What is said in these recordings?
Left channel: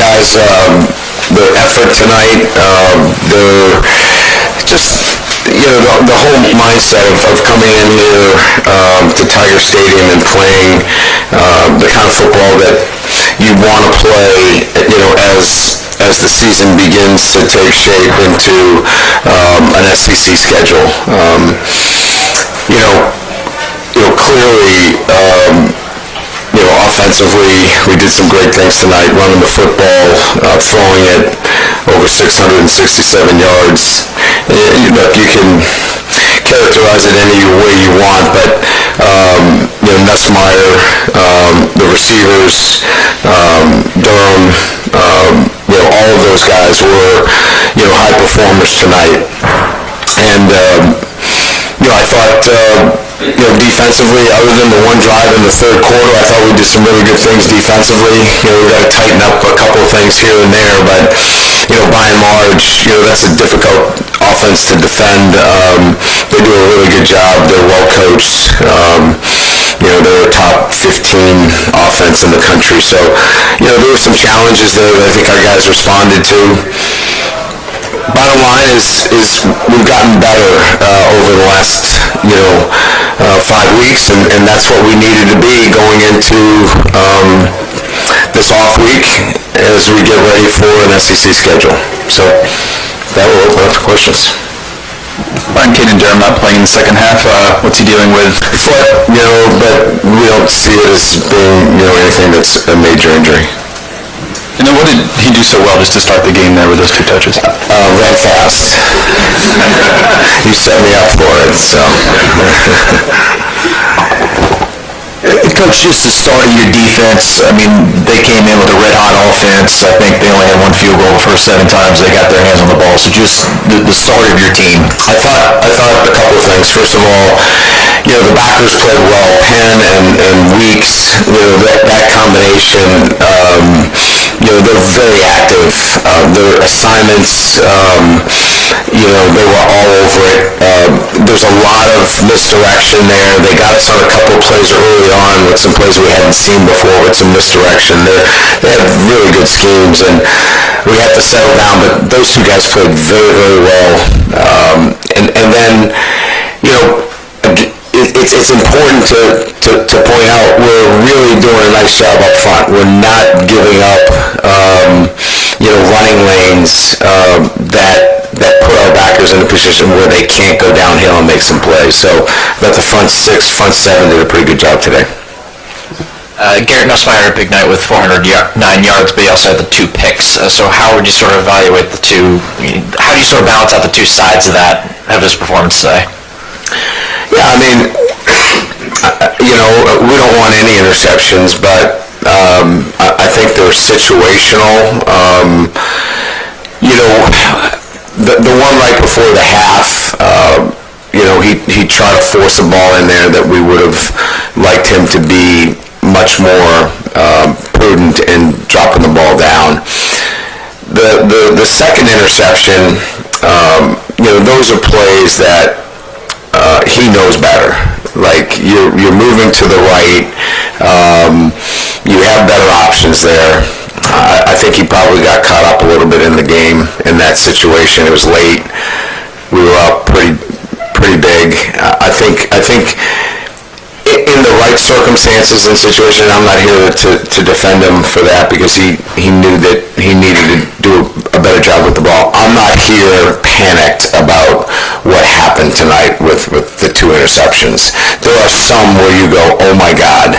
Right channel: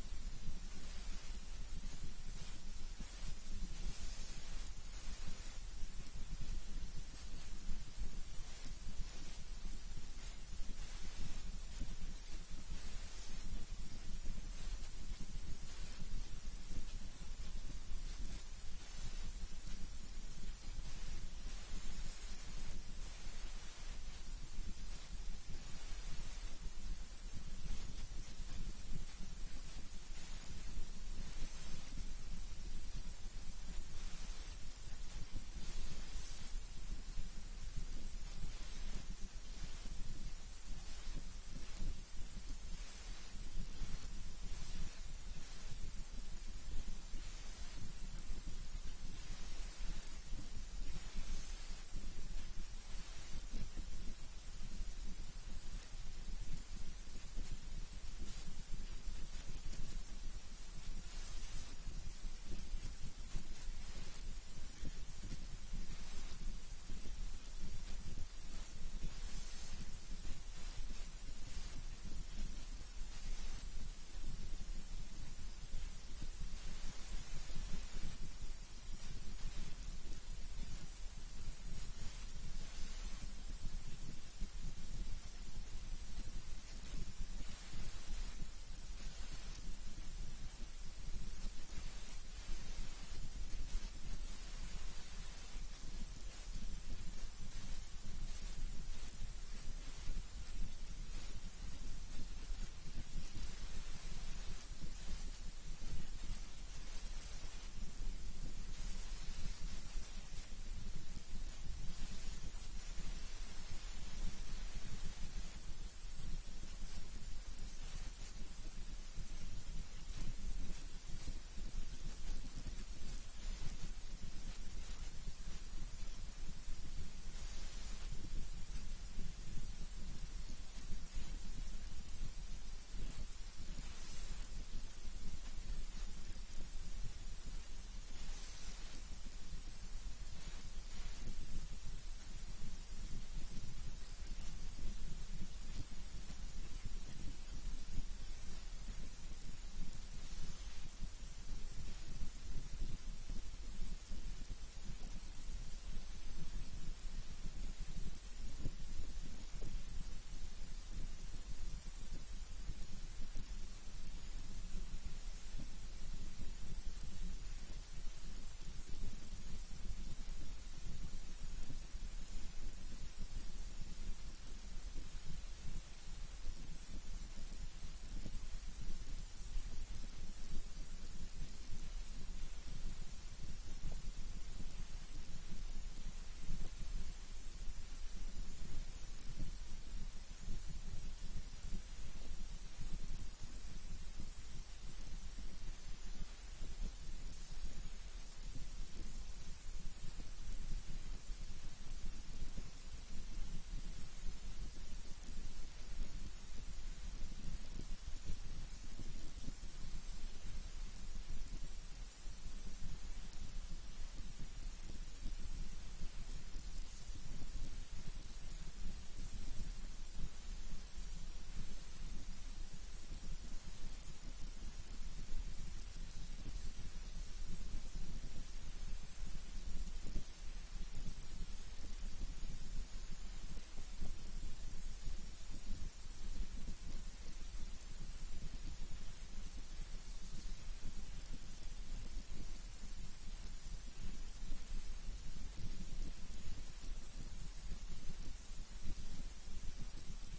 guys. The effort tonight, the just, the whole mindset of coming in here to Tiger Stadium and playing the kind of football that you want to play, as the season begins to take shape into an SEC schedule. Clearly, offensively, we did some great things tonight, running the football, throwing it over 667 yards. Look, you can characterize it any way you want, but Nussmeier, the receivers, Durham, all of those guys were, high performers tonight. And, I thought, defensively, other than the one drive in the third quarter, I thought we did some really good things defensively. We got to tighten up a couple of things here and there, but, by and large, that's a difficult offense to defend. They do a really good job. They're well coached. They're a top 15 offense in the country. So, there were some challenges there that I think our guys responded to. Bottom line is we've gotten better over the last 5 weeks, and that's what we needed to be going into this off week as we get ready for an SEC schedule. So that will open up to questions. Brian Durham not playing in the second half. What's he dealing with? Foot, but we don't see it as being anything that's a major injury. And then what did he do so well just to start the game there with those 2 touches? Ran fast. You set me up for it, so. Coach, just the start of your defense, I mean, they came in with a red-hot offense. I think they only had 1 field goal the first 7 times they got their hands on the ball. So just the start of your team. I thought a couple of things. First of all, the backers played well. Penn and Weeks, that combination, they're very active. Their assignments, they were all over it. There's a lot of misdirection there. They got us on a couple of plays early on with some plays we hadn't seen before with some misdirection. They have really good schemes, and we have to settle down. But those 2 guys played very, very well. And then, it's important to point out we're really doing a nice job up front. We're not giving up, running lanes that put our backers in a position where they can't go downhill and make some plays. So but the front 6, front 7 did a pretty good job today. Garrett Nussmeier had a big night with 409 yards, but he also had the 2 picks. So how would you sort of evaluate the 2? How do you sort of balance out the 2 sides of that of his performance today? Yeah, I mean, we don't want any interceptions, but I think they're situational. The one right before the half, he tried to force a ball in there that we would have liked him to be much more prudent in dropping the ball down. The second interception, those are plays that he knows better. Like you're moving to the right, you have better options there. I think he probably got caught up a little bit in the game in that situation. It was late. We were up pretty big. I think in the right circumstances and situation, I'm not here to defend him for that because he knew that he needed to do a better job with the ball. I'm not here panicked about what happened tonight with the 2 interceptions. There are some where you go, oh my God.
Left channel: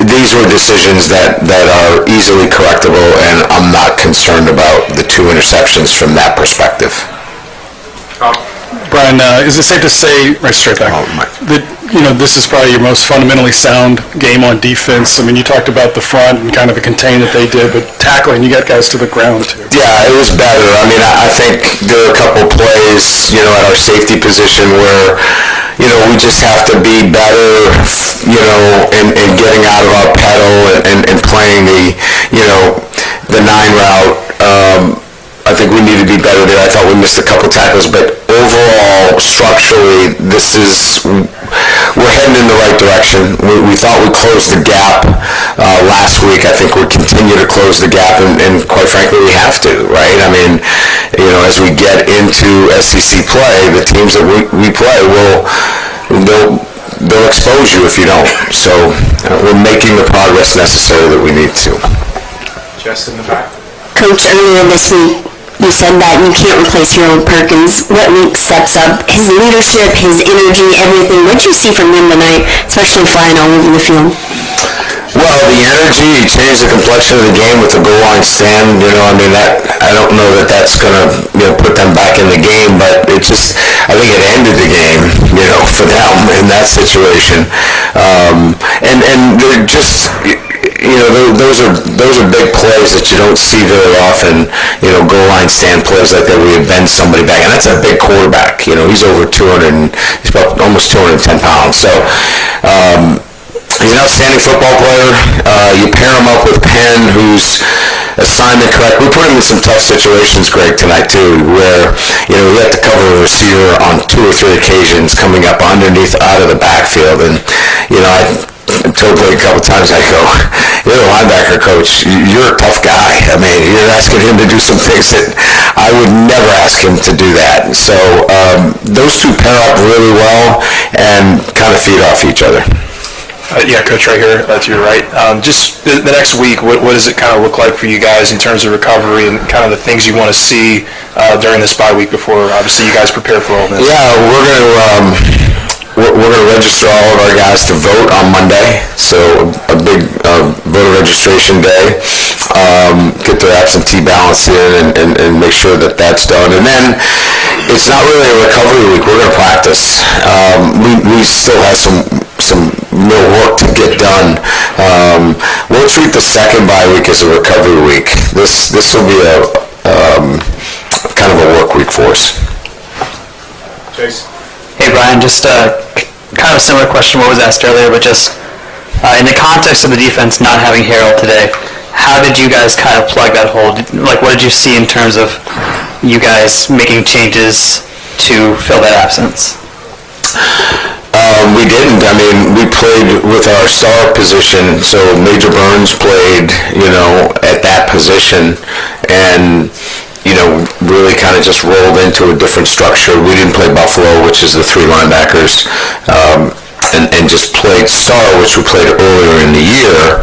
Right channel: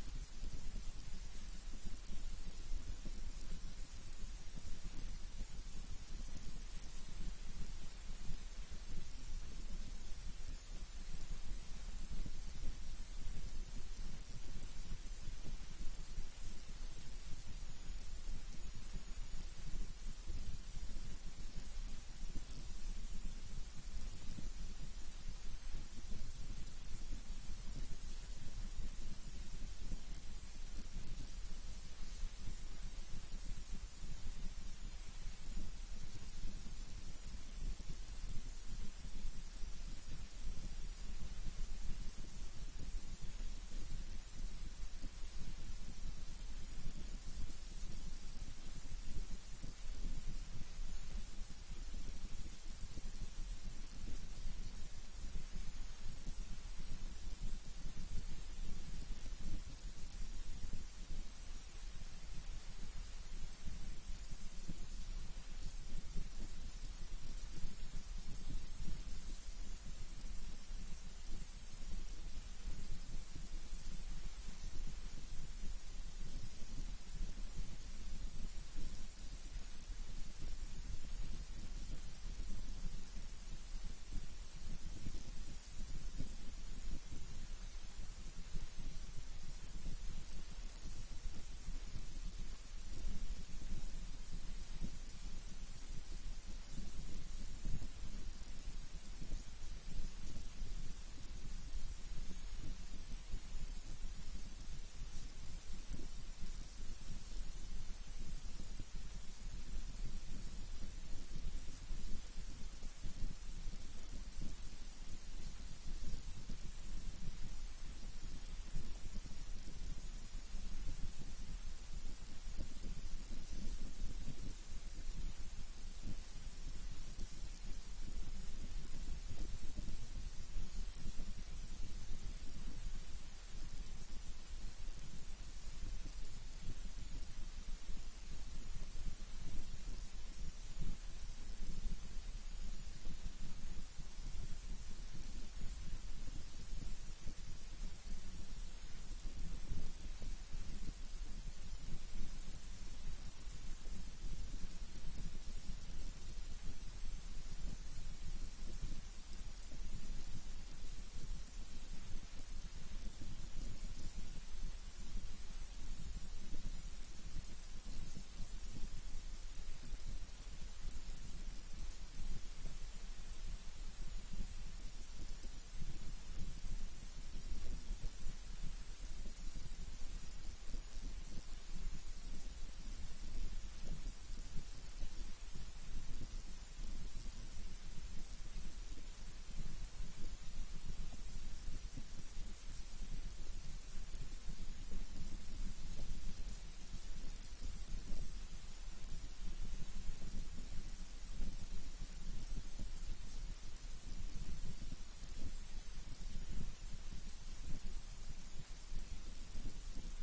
These were decisions that are easily correctable, and I'm not concerned about the 2 interceptions from that perspective. Brian, is it safe to say, right straight back, that this is probably your most fundamentally sound game on defense? I mean, you talked about the front and kind of the contain that they did, but tackling, you got guys to the ground too. Yeah, it was better. I mean, I think there are a couple plays, at our safety position where, we just have to be better, in getting out of our pedal and playing the 9 route. I think we need to be better there. I thought we missed a couple tackles, but overall, structurally, this is we're heading in the right direction. We thought we closed the gap last week. I think we continue to close the gap, and quite frankly, we have to, right? I mean, as we get into SEC play, the teams that we play they'll expose you if you don't. So we're making the progress necessary that we need to. Just in the back. Coach, earlier this week, you said that you can't replace your own Perkins. What week steps up? His leadership, his energy, everything. What did you see from him tonight, especially flying all over the field? Well, the energy, he changed the complexion of the game with the goal line stand. I don't know that that's going to put them back in the game, but I think it ended the game, for them in that situation. And they're just... those are big plays that you don't see very often, goal line stand plays like that where you bend somebody back. And that's a big quarterback, he's over 200, he's about almost 210 pounds. So, he's an outstanding football player. You pair him up with Penn, who's assignment correct. We put him in some tough situations, Greg, tonight too, where, we had to cover a receiver on 2 or 3 occasions coming up underneath out of the backfield. And, I told Blake a couple times, I go, you're the linebacker coach. You're a tough guy. I mean, you're asking him to do some things that I would never ask him to do that. So those two pair up really well and kind of feed off each other. Yeah, Coach, right here to your right. Just the next week, what does it kind of look like for you guys in terms of recovery and kind of the things you want to see during this bye week before, obviously, you guys prepare for all this? Yeah, we're going to register all of our guys to vote on Monday, so a big voter registration day. Get their absentee ballots in and make sure that that's done. And then it's not really a recovery week. We're going to practice. We still have some real work to get done. We'll treat the second bye week as a recovery week. This will be a kind of a work week for us. Jason. Hey Brian, just kind of a similar question to what was asked earlier, but just in the context of the defense not having Harold today, how did you guys kind of plug that hole? Like, what did you see in terms of you guys making changes to fill that absence? We didn't. I mean, we played with our star position, so Major Burns played, at that position, and really kind of just rolled into a different structure. We didn't play Buffalo, which is the 3 linebackers, and just played star, which we played earlier in the year.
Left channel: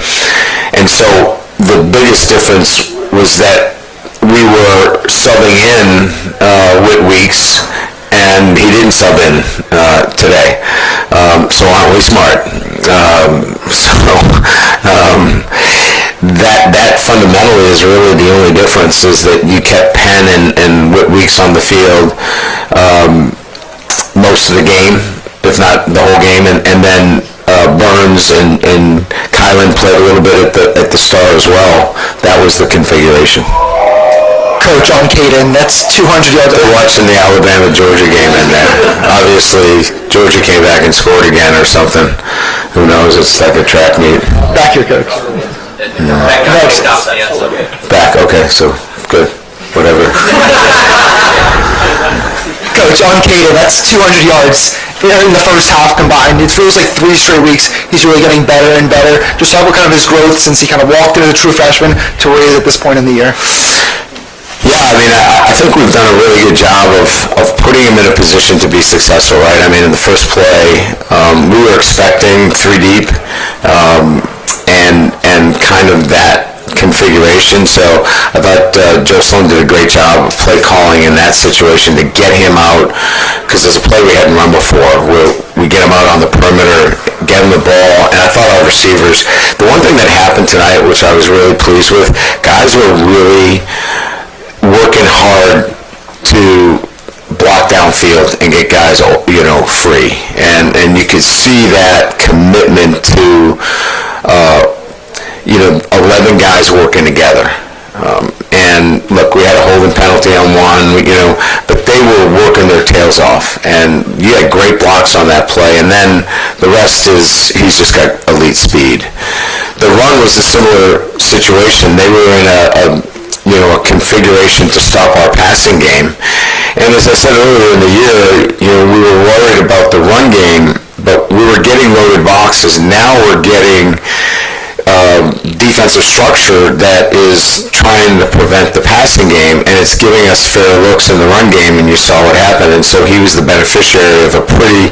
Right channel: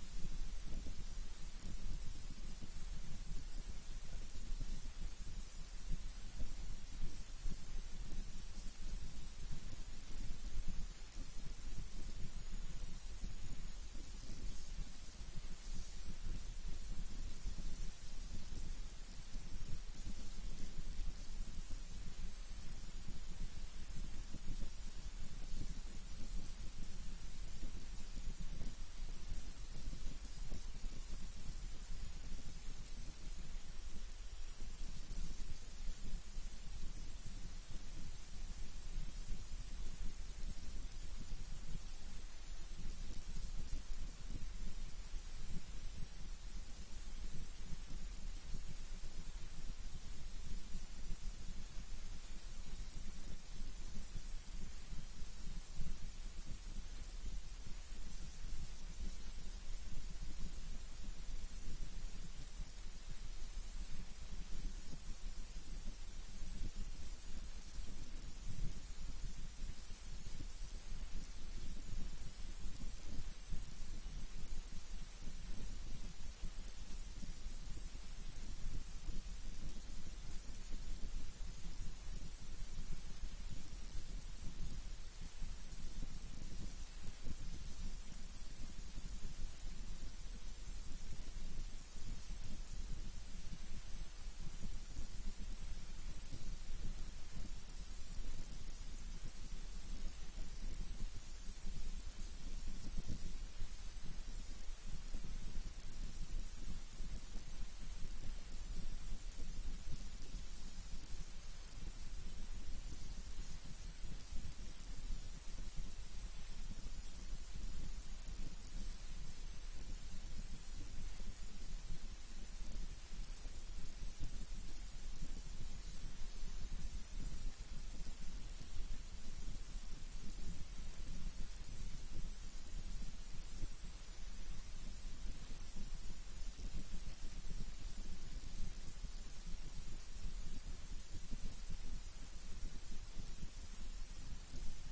And so the biggest difference was that we were subbing in Whit Weeks, and he didn't sub in today. So aren't we smart? That fundamentally is really the only difference, is that you kept Penn and Whit Weeks on the field most of the game, if not the whole game, and then Burns and Kylan played a little bit at the start as well. That was the configuration. Coach, on Caden, that's 200 yards. They're watching the Alabama-Georgia game in there. Obviously, Georgia came back and scored again or something. Who knows? It's like a track meet. Back here, Coach. Back, okay, so good. Whatever. Coach, on Caden, that's 200 yards in the first half combined. It feels like 3 straight weeks he's really getting better and better. Just talk about kind of his growth since he kind of walked into the true freshman to where he is at this point in the year. Yeah, I mean, I think we've done a really good job of putting him in a position to be successful, right? I mean, in the first play, we were expecting 3 deep and kind of that configuration. So I thought Joe Sloan did a great job of play calling in that situation to get him out, because there's a play we hadn't run before where we get him out on the perimeter, get him the ball, and I thought our receivers, the one thing that happened tonight, which I was really pleased with, guys were really working hard to block downfield and get guys, free. And you could see that commitment to, 11 guys working together. And look, we had a holding penalty on one, but they were working their tails off. And you had great blocks on that play. And then the rest is, he's just got elite speed. The run was a similar situation. They were in a configuration to stop our passing game. And as I said earlier in the year, we were worried about the run game but we were getting loaded boxes. Now we're getting defensive structure that is trying to prevent the passing game, and it's giving us fair looks in the run game, and you saw what happened. And so he was the beneficiary of a pretty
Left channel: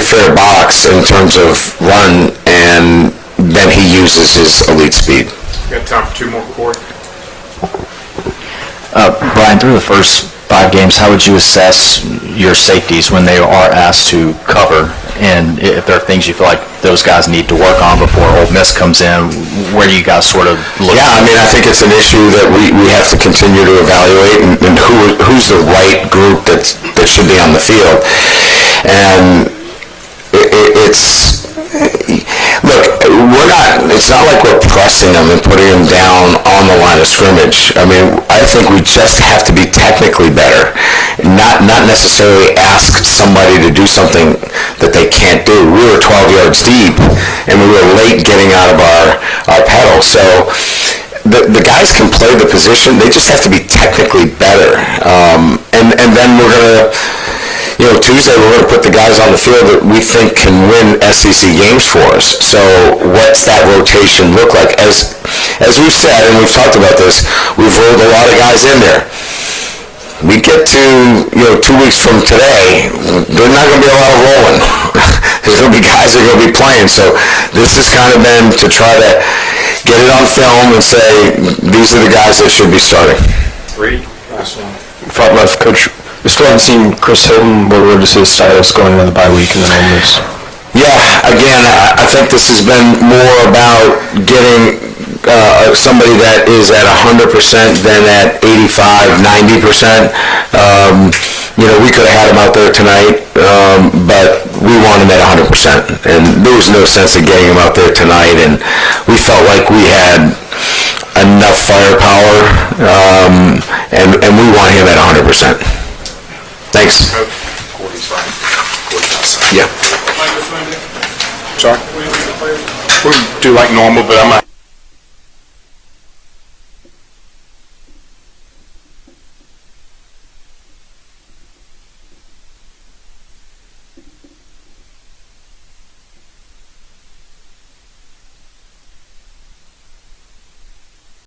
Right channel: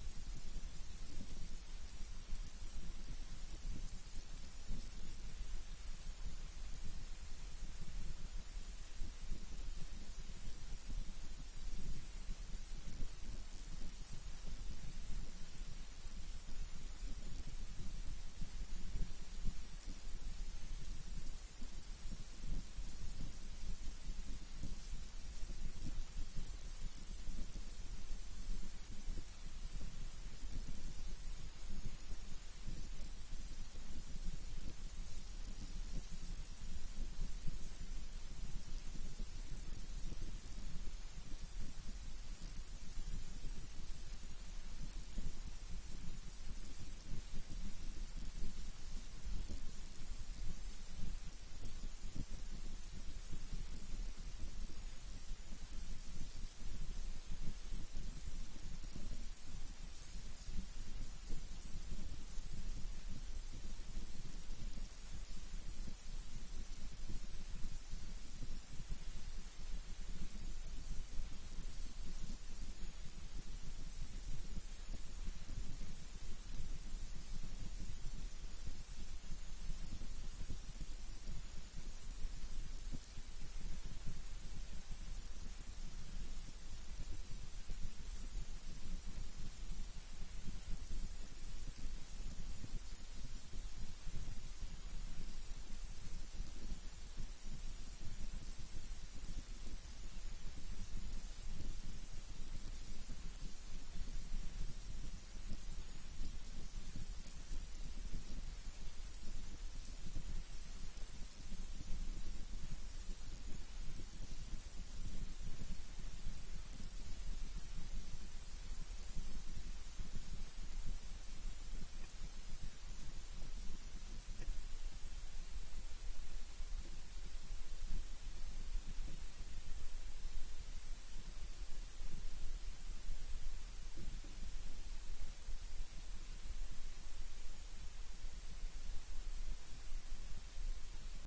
fair box in terms of run, and then he uses his elite speed. Got time for two more, Corey? Brian, through the first 5 games, how would you assess your safeties when they are asked to cover? And if there are things you feel like those guys need to work on before Ole Miss comes in, where do you guys sort of look? Yeah, I mean, I think it's an issue that we have to continue to evaluate, and who's the right group that should be on the field. And it's not like we're pressing them and putting them down on the line of scrimmage. I mean, I think we just have to be technically better, not necessarily ask somebody to do something that they can't do. We were 12 yards deep, and we were late getting out of our pedal. So the guys can play the position. They just have to be technically better. And then we're going to... Tuesday we're going to put the guys on the field that we think can win SEC games for us. So what's that rotation look like? As we've said, and we've talked about this, we've rolled a lot of guys in there. We get to, 2 weeks from today, there's not going to be a lot of rolling. There's going to be guys that are going to be playing. So this has kind of been to try to get it on film and say, these are the guys that should be starting. Reed, last one. Front left, Coach. We still haven't seen Chris Hilton. What is his status going into the bye week and then Ole Miss? Yeah, again, I think this has been more about getting somebody that is at 100% than at 85, 90%. We could have had him out there tonight, but we want him at 100%. And there was no sense in getting him out there tonight, and we felt like we had enough firepower, and we want him at 100%. Thanks. Yeah. Sorry? We'll do like normal, but I'm